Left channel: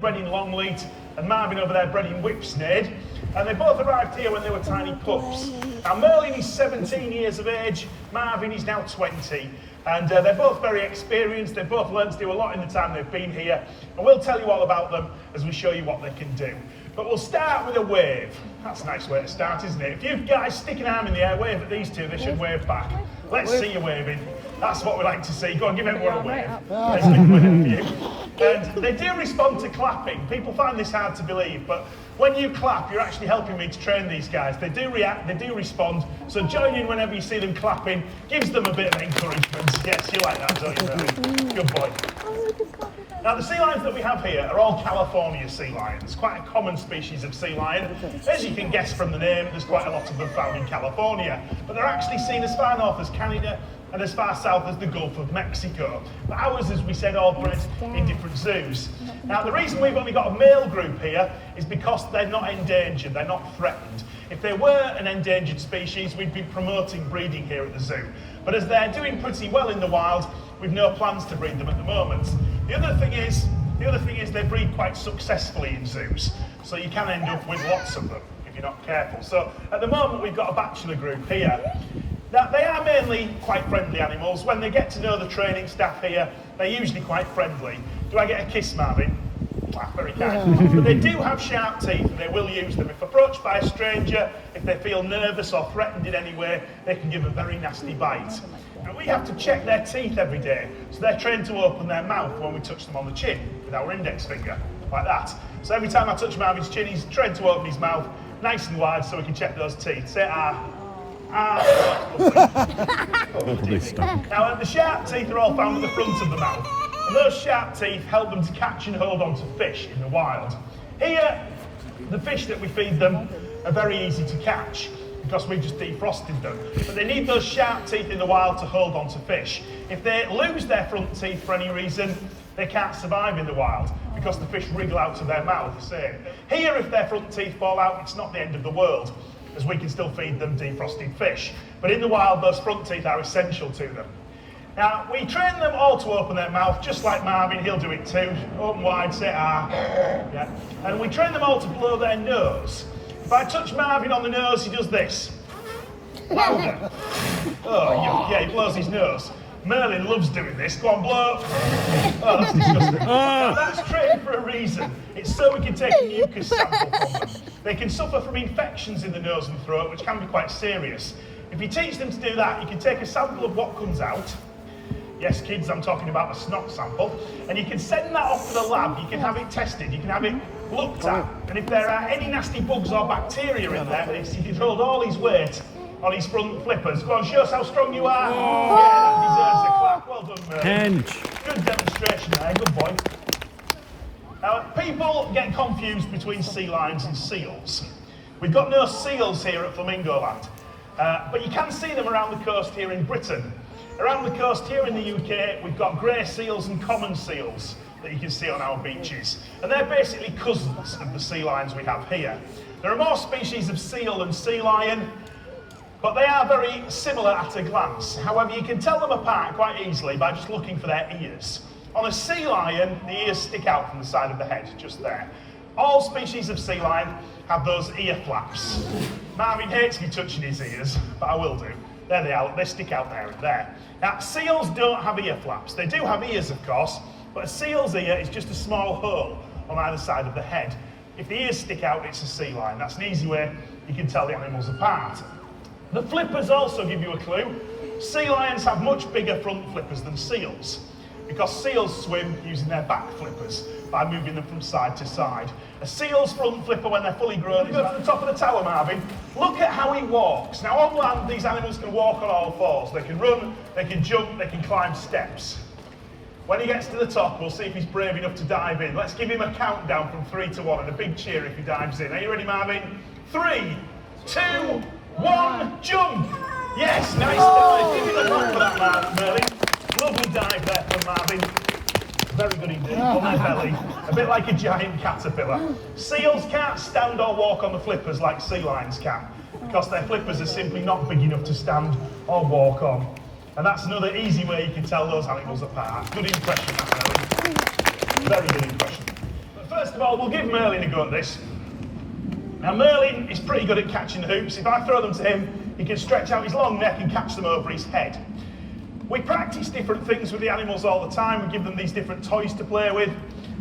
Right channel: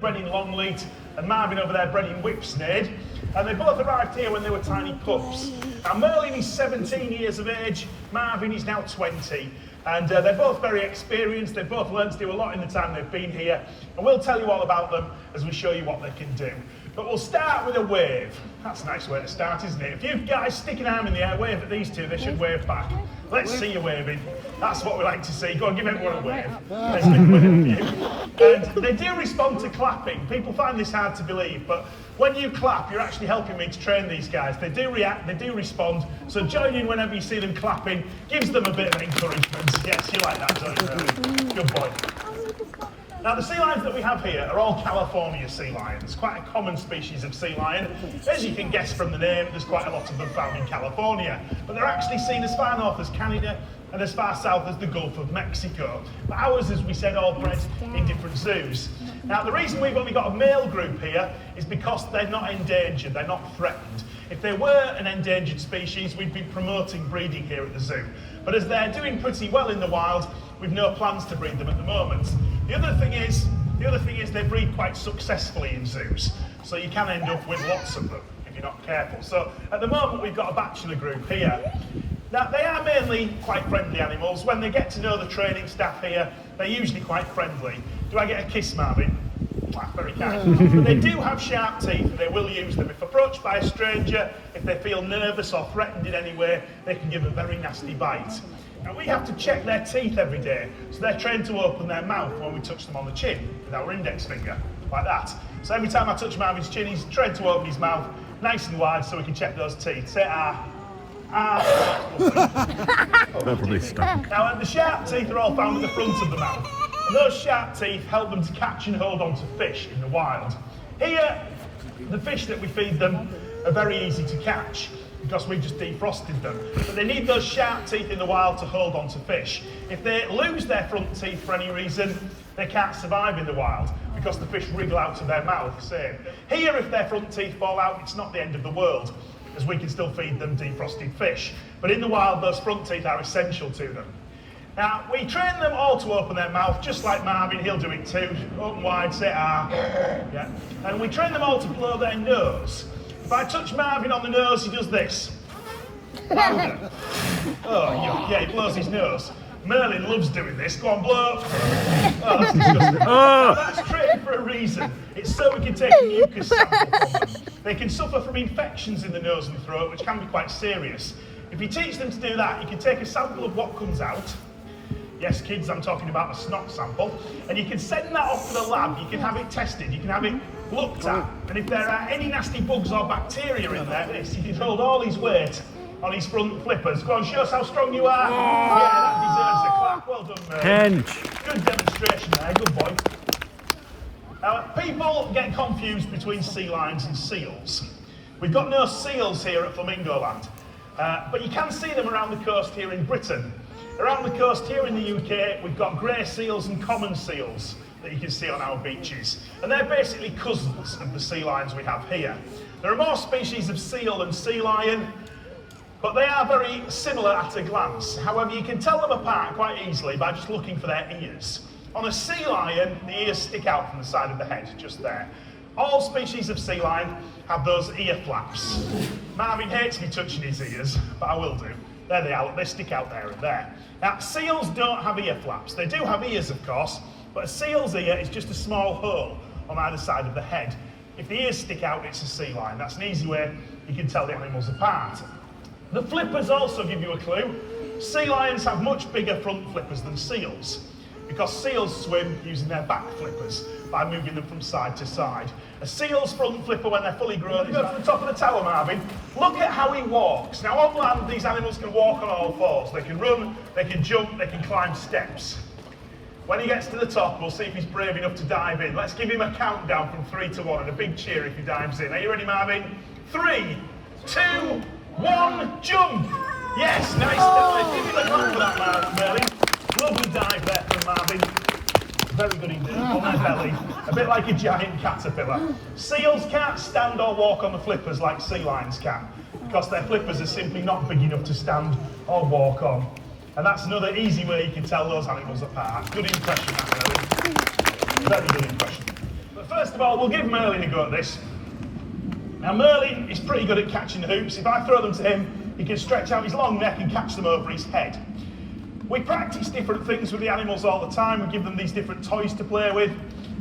bred in Longleat, and Marvin over there bred in Whipsnade, and they both arrived here when they were tiny pups. Now Merlin is 17 years of age, Marvin is now 20, and they're both very experienced. They've both learned to do a lot in the time they've been here, and we'll tell you all about them as we show you what they can do. But we'll start with a wave. That's a nice way to start, isn't it? If you guys stick an arm in the air, wave at these two, they should wave back. Let's see you waving. That's what we like to see. Go on, give everyone a wave. There's a good wave for you. And they do respond to clapping. People find this hard to believe, but when you clap, you're actually helping me to train these guys. They do react, they do respond. So join in whenever you see them clapping. Gives them a bit of encouragement. Yes, you like that, don't you? Good boy. Now the sea lions that we have here are all California sea lions, quite a common species of sea lion. As you can guess from the name, there's quite a lot of them found in California, but they're actually seen as far north as Canada and as far south as the Gulf of Mexico. But ours, as we said, all bred in different zoos. Now the reason we've only got a male group here is because they're not endangered, they're not threatened. If they were an endangered species, we'd be promoting breeding here at the zoo. But as they're doing pretty well in the wild, we've no plans to breed them at the moment. The other thing is they breed quite successfully in zoos, so you can end up with lots of them if you're not careful. So at the moment we've got a bachelor group here. Now they are mainly quite friendly animals. When they get to know the training staff here, they're usually quite friendly. Do I get a kiss, Marvin? Very kind. But they do have sharp teeth, and they will use them. If approached by a stranger, if they feel nervous or threatened in any way, they can give a very nasty bite. Now we have to check their teeth every day, so they're trained to open their mouth when we touch them on the chin with our index finger, like that. So every time I touch Marvin's chin, he's trained to open his mouth nice and wide so we can check those teeth. Say ah. Ah. That probably stunk. Now the sharp teeth are all found at the front of the mouth, and those sharp teeth help them to catch and hold on to fish in the wild. Here, the fish that we feed them are very easy to catch, because we've just defrosted them. But they need those sharp teeth in the wild to hold on to fish. If they lose their front teeth for any reason, they can't survive in the wild, because the fish wriggle out of their mouth. Same. Here, if their front teeth fall out, it's not the end of the world, as we can still feed them defrosted fish. But in the wild, those front teeth are essential to them. Now, we train them all to open their mouth, just like Marvin, he'll do it too. Open wide, say ah. Yeah. And we train them all to blow their nose. If I touch Marvin on the nose, he does this. Louder. Oh, yeah, he blows his nose. Merlin loves doing this. Go on, blow. Oh, that's disgusting. That's trained for a reason. It's so we can take a mucus sample from them. They can suffer from infections in the nose and throat, which can be quite serious. If you teach them to do that, you can take a sample of what comes out. Yes, kids, I'm talking about a snot sample. And you can send that off to the lab. You can have it tested. You can have it looked at. And if there are any nasty bugs or bacteria in there, he can hold all his weight on his front flippers. Go on, show us how strong you are. Yeah, that deserves a clap. Well done, Merlin. Good demonstration there. Good boy. Now, people get confused between sea lions and seals. We've got no seals here at Flamingo Land, but you can see them around the coast here in Britain. Around the coast here in the UK, we've got grey seals and common seals that you can see on our beaches. And they're basically cousins of the sea lions we have here. There are more species of seal than sea lion, but they are very similar at a glance. However, you can tell them apart quite easily by just looking for their ears. On a sea lion, the ears stick out from the side of the head, just there. All species of sea lion have those ear flaps. Marvin hates me touching his ears, but I will do. There they are, they stick out there and there. Now, seals don't have ear flaps. They do have ears, of course, but a seal's ear is just a small hole on either side of the head. If the ears stick out, it's a sea lion. That's an easy way you can tell the animals apart. The flippers also give you a clue. Sea lions have much bigger front flippers than seals, because seals swim using their back flippers by moving them from side to side. A seal's front flipper, when they're fully grown, is at the top of the tower, Marvin. Look at how he walks. Now on land, these animals can walk on all fours. They can run, they can jump, they can climb steps. When he gets to the top, we'll see if he's brave enough to dive in. Let's give him a countdown from 3 to 1 and a big cheer if he dives in. Are you ready, Marvin? 3, 2, 1, jump! Yes, nice dive. Give him a clap for that, Merlin. Lovely dive there from Marvin. Very good indeed, on the belly. A bit like a giant caterpillar. Seals can't stand or walk on the flippers like sea lions can, because their flippers are simply not big enough to stand or walk on. And that's another easy way you can tell those animals apart. Good impression, Merlin. Very good impression. But first of all, we'll give Merlin a go at this. Now Merlin is pretty good at catching the hoops. If I throw them to him, he can stretch out his long neck and catch them over his head. We practice different things with the animals all the time. We give them these different toys to play with.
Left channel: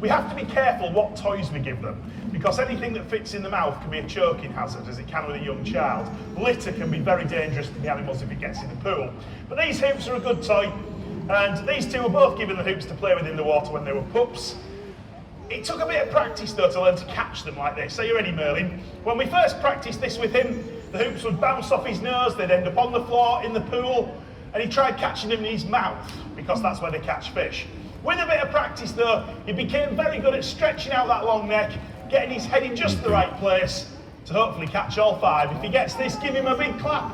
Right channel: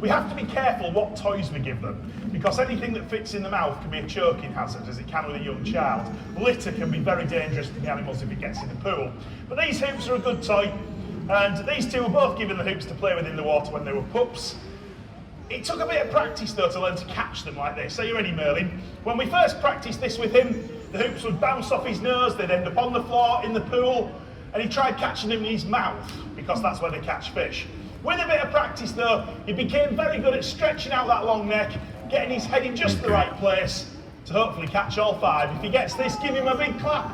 We have to be careful what toys we give them, because anything that fits in the mouth can be a choking hazard, as it can with a young child. Litter can be very dangerous to the animals if it gets in the pool. But these hoops are a good toy, and these two were both given the hoops to play with in the water when they were pups. It took a bit of practice though to learn to catch them like this. Are you ready, Merlin? When we first practiced this with him, the hoops would bounce off his nose, they'd end up on the floor in the pool, and he tried catching them in his mouth, because that's where they catch fish. With a bit of practice though, he became very good at stretching out that long neck, getting his head in just the right place to hopefully catch all 5. If he gets this, give him a big clap.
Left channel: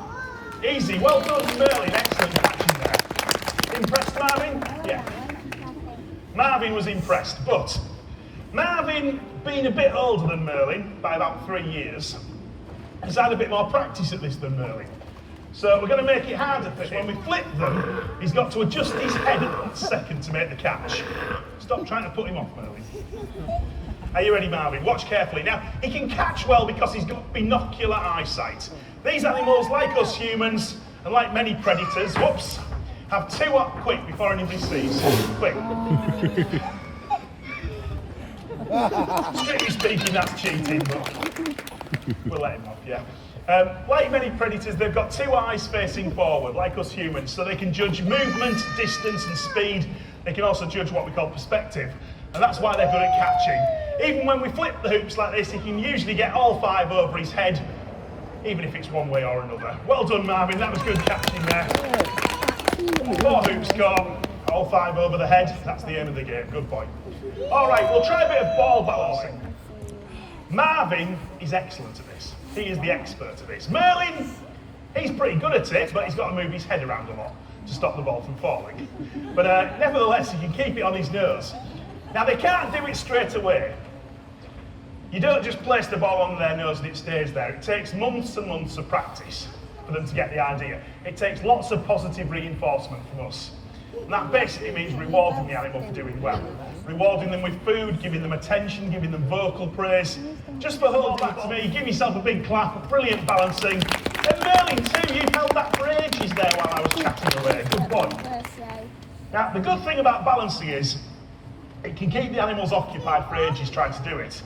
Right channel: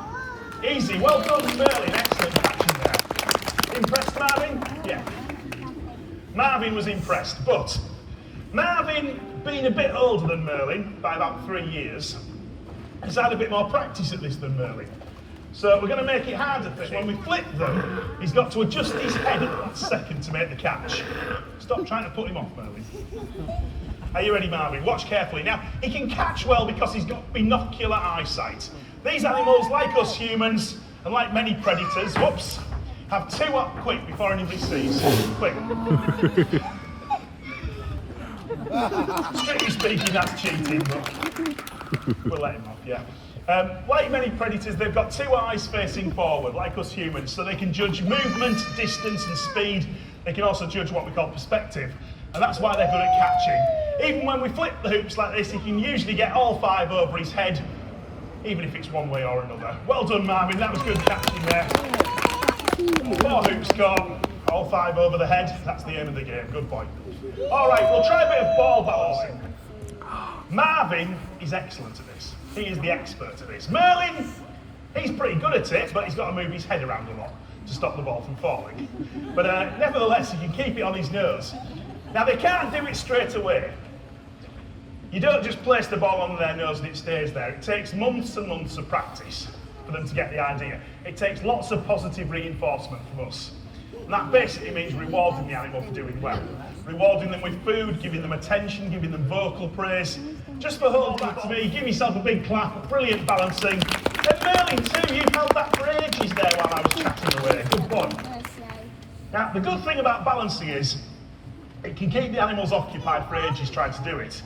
Easy, well done Merlin, excellent catching there. Impressed Marvin? Yeah. Marvin was impressed, but Marvin, being a bit older than Merlin by about 3 years, has had a bit more practice at this than Merlin. So we're going to make it harder for him. When we flip them, he's got to adjust his head at that second to make the catch. Stop trying to put him off, Merlin. Are you ready, Marvin? Watch carefully. Now, he can catch well because he's got binocular eyesight. These animals, like us humans, and like many predators, whoops, have 2 up quick before anybody sees. Quick. Strictly speaking, that's cheating, but we'll let him off, yeah. Like many predators, they've got 2 eyes facing forward, like us humans, so they can judge movement, distance and speed. They can also judge what we call perspective, and that's why they're good at catching. Even when we flip the hoops like this, he can usually get all 5 over his head, even if it's one way or another. Well done, Marvin, that was good catching there. 4 hoops caught, all 5 over the head. That's the end of the game, good point. All right, we'll try a bit of ball balancing. Marvin is excellent at this. He is the expert at this. Merlin, he's pretty good at it, but he's got to move his head around a lot to stop the ball from falling. But nevertheless, he can keep it on his nose. Now, they can't do it straight away. You don't just place the ball on their nose and it stays there. It takes months and months of practice for them to get the idea. It takes lots of positive reinforcement from us. And that basically means rewarding the animal for doing well. Rewarding them with food, giving them attention, giving them vocal praise. Just for holding back to me, give yourself a big clap, brilliant balancing. And Merlin too, you held that for ages there while I was chatting away, good point. Now, the good thing about balancing is, it can keep the animals occupied for ages trying to do it.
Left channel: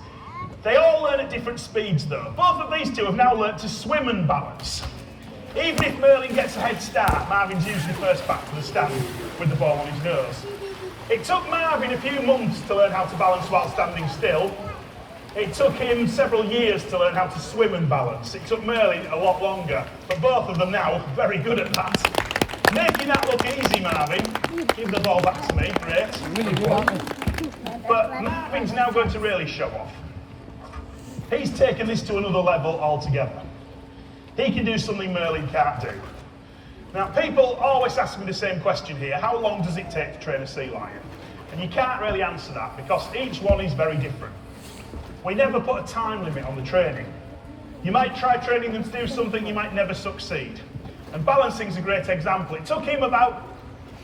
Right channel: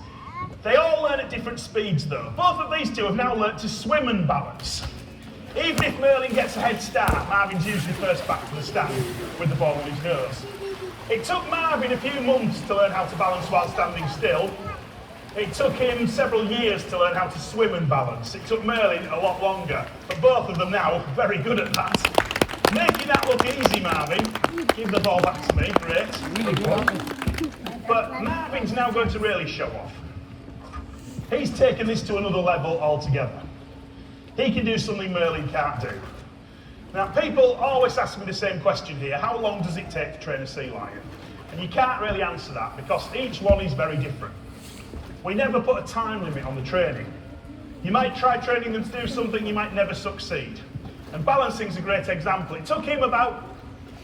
They all learn at different speeds though. Both of these two have now learnt to swim and balance. Even if Merlin gets a head start, Marvin's usually first back to the stand with the ball on his nose. It took Marvin a few months to learn how to balance while standing still. It took him several years to learn how to swim and balance. It took Merlin a lot longer, but both of them now are very good at that. Making that look easy, Marvin. Give the ball back to me, great. But Marvin's now going to really show off. He's taken this to another level altogether. He can do something Merlin can't do. Now, people always ask me the same question here: how long does it take to train a sea lion? And you can't really answer that because each one is very different. We never put a time limit on the training. You might try training them to do something, you might never succeed. And balancing's a great example. It took him about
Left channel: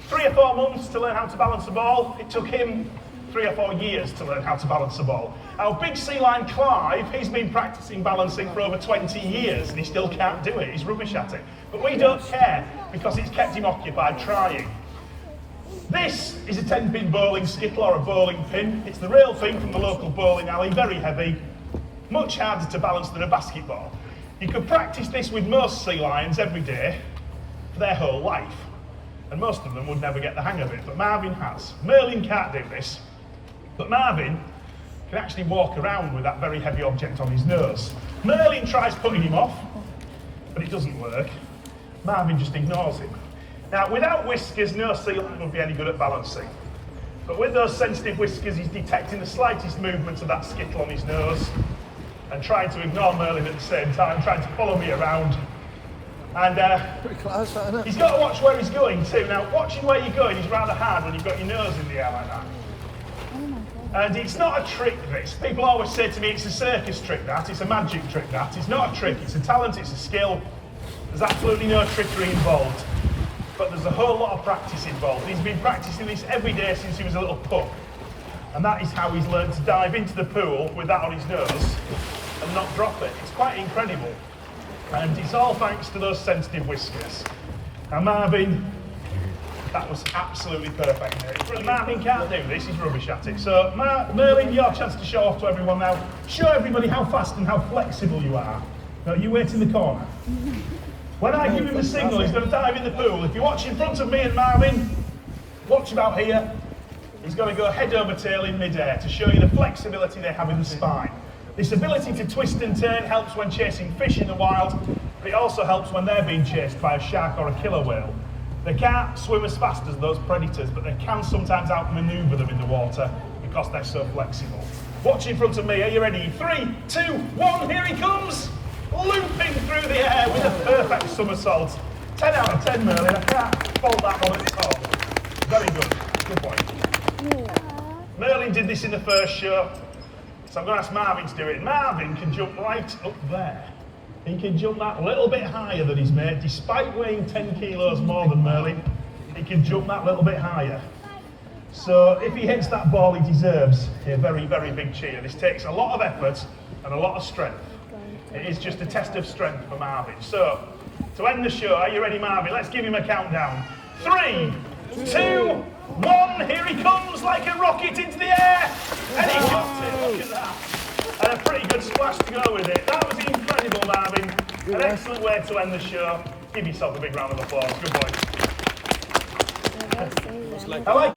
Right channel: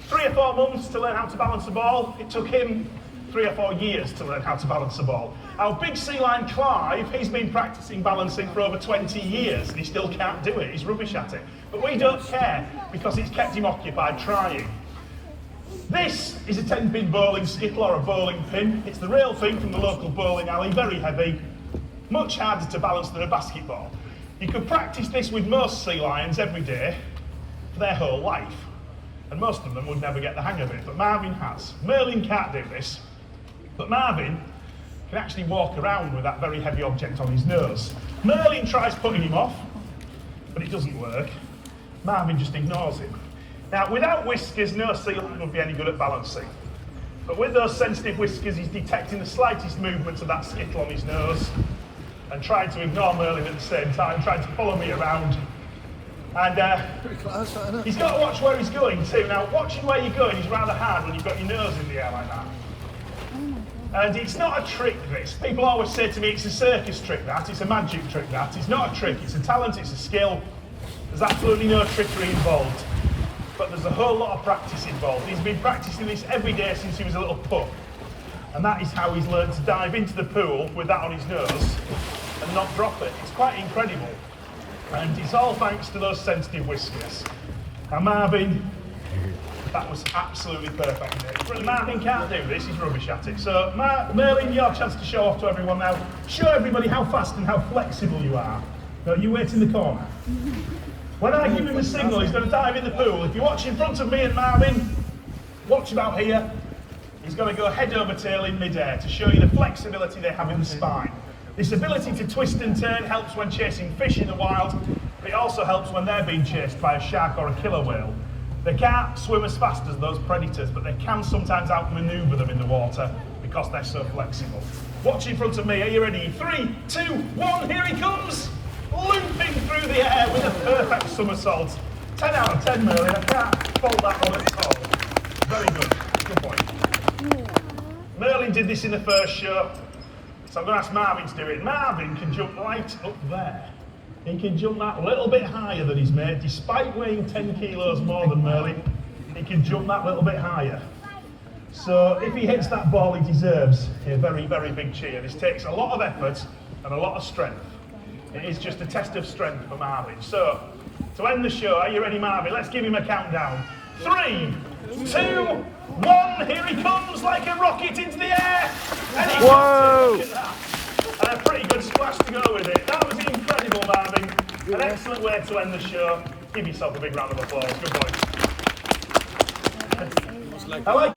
3 or 4 months to learn how to balance a ball. It took him 3 or 4 years to learn how to balance a ball. Our big sea lion Clive, he's been practicing balancing for over 20 years and he still can't do it. He's rubbish at it. But we don't care because it's kept him occupied trying. This is a 10-pin bowling skittle or a bowling pin. It's the real thing from the local bowling alley, very heavy, much harder to balance than a basketball. You could practice this with most sea lions every day for their whole life. And most of them would never get the hang of it, but Marvin has. Merlin can't do this, but Marvin can actually walk around with that very heavy object on his nose. Merlin tries putting him off, but it doesn't work. Marvin just ignores him. Now, without whiskers, no sea lion would be any good at balancing. But with those sensitive whiskers, he's detecting the slightest movement of that skittle on his nose and trying to ignore Merlin at the same time, trying to follow me around. And he's got to watch where he's going too. Now, watching where you're going is rather hard when you've got your nose in the air like that. And it's not a trick, this. People always say to me, it's a circus trick, that. It's a magic trick, that. It's not a trick, it's a talent, it's a skill. There's absolutely no trickery involved. But there's a whole lot of practice involved. He's been practicing this every day since he was a little pup. And that is how he's learned to dive into the pool with that on his nose and not drop it. It's quite incredible. And it's all thanks to those sensitive whiskers. Now Marvin, that was absolutely perfect. Marvin can't do this, he's rubbish at it. So Merlin, your chance to show off to everyone now. Show everybody how fast and how flexible you are. No, you wait in the corner. When I give him the signal, he's going to dive in the pool. If you watch in front of me and Marvin, watch about here. He's going to go head over tail in mid-air to show you the flexibility they have in the spine. This ability to twist and turn helps when chasing fish in the wild, but it also helps when they're being chased by a shark or a killer whale. They can't swim as fast as those predators, but they can sometimes outmaneuver them in the water because they're so flexible. Watch in front of me, are you ready? 3, 2, 1, here he comes! Looping through the air with a perfect somersault. 10 out of 10, Merlin, I can't fault that one at all. Very good, good boy. Merlin did this in the first show, so I'm going to ask Marvin to do it. Marvin can jump right up there. He can jump that little bit higher than his mate, despite weighing 10 kilos more than Merlin. He can jump that little bit higher. So if he hits that ball, he deserves a very, very big cheer. This takes a lot of effort and a lot of strength. It is just a test of strength for Marvin. So, to end the show, are you ready, Marvin? Let's give him a countdown. 3, 2, 1, here he comes like a rocket into the air! And he got it, look at that. And a pretty good splash to go with it. That was incredible, Marvin. An excellent way to end the show. Give yourself a big round of applause. Good boy. I like